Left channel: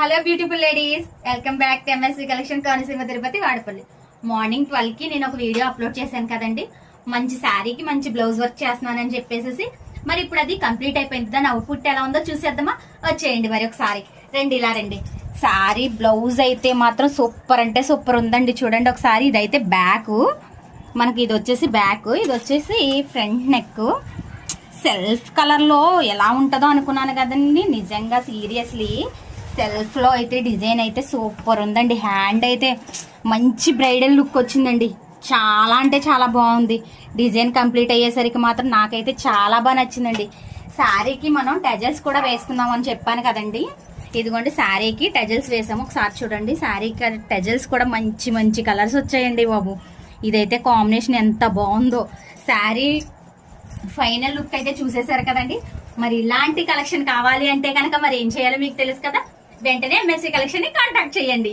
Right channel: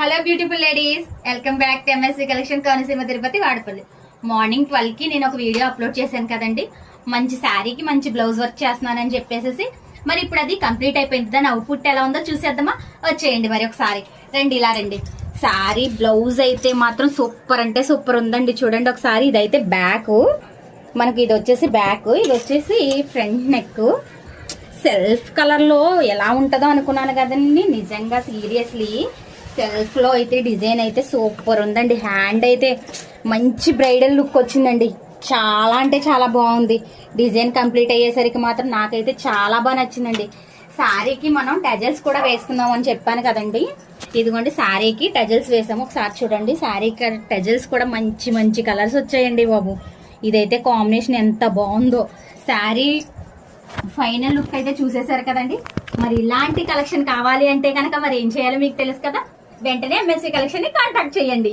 Hello beautiful ladies, welcome back to MSV collection Konaseema Tirupati Vadapalli. Morning 12 కి నేను ఒక వీడియో అప్లోడ్ చేశాను కదండి. మంచి శారీకి మంచి బ్లౌజ్ వర్క్ చేస్తున్నానని చెప్పేసి మరి ఇప్పుడు అది కంప్లీట్ అయిపోయింది. దాని అవుట్పుట్ ఎలా ఉందో చూసేద్దామా? వచ్చేయండి మరి ఒకసారి. రండి. శారీ బ్లౌజ్ అయితే మాత్రం సూపర్ అంటే సూపర్ ఉందండి. చూడండి ఒకసారి. ఇదైతే బ్యాక్, మనకి ఇది వచ్చేసి బ్యాక్, ఇది వచ్చేసి ఫ్రంట్ నెక్. సెల్ఫ్ కలర్ లో ఎలా ఉంటుందో అనుకున్నాను కదండి. నిజంగా సీరియస్లీ సెల్ఫ్ లో అయితే డిజైన్ అయితే సూపర్ ఉందండి. హ్యాండ్ అయితే మంచి బ్రైడల్ లుక్ వచ్చిందండి. చాలా అంటే చాలా బాగుంది. డిజైన్ కంప్లీట్ అయ్యేసరికి మాత్రం నాకైతే చాలా బాగా నచ్చిందండి. శారీకి మనం టెజల్స్ కూడా వేసుకుందాం అని చెప్పాను కదండి. ఇదిగోండి శారీకి టెజల్స్ వేసాము. ఒకసారి చూడండి. శారీకి టెజల్స్ కూడా మంచి మంచి కలర్స్ వచ్చాయండి బాబు. ఇదైతే కాంబినేషన్ ఎంత బాగుందో. శారీ ఫైనల్ లుక్ అయితే చూసేశారు కదండి. మరి ఇలాంటి కలెక్షన్ కావాలి అంటే కనుక మరి ఏం చేయాలో మీకు తెలుసు కదా. వెంటనే ఎంఎస్వి కలెక్షన్ ని కాంటాక్ట్ చేయండి.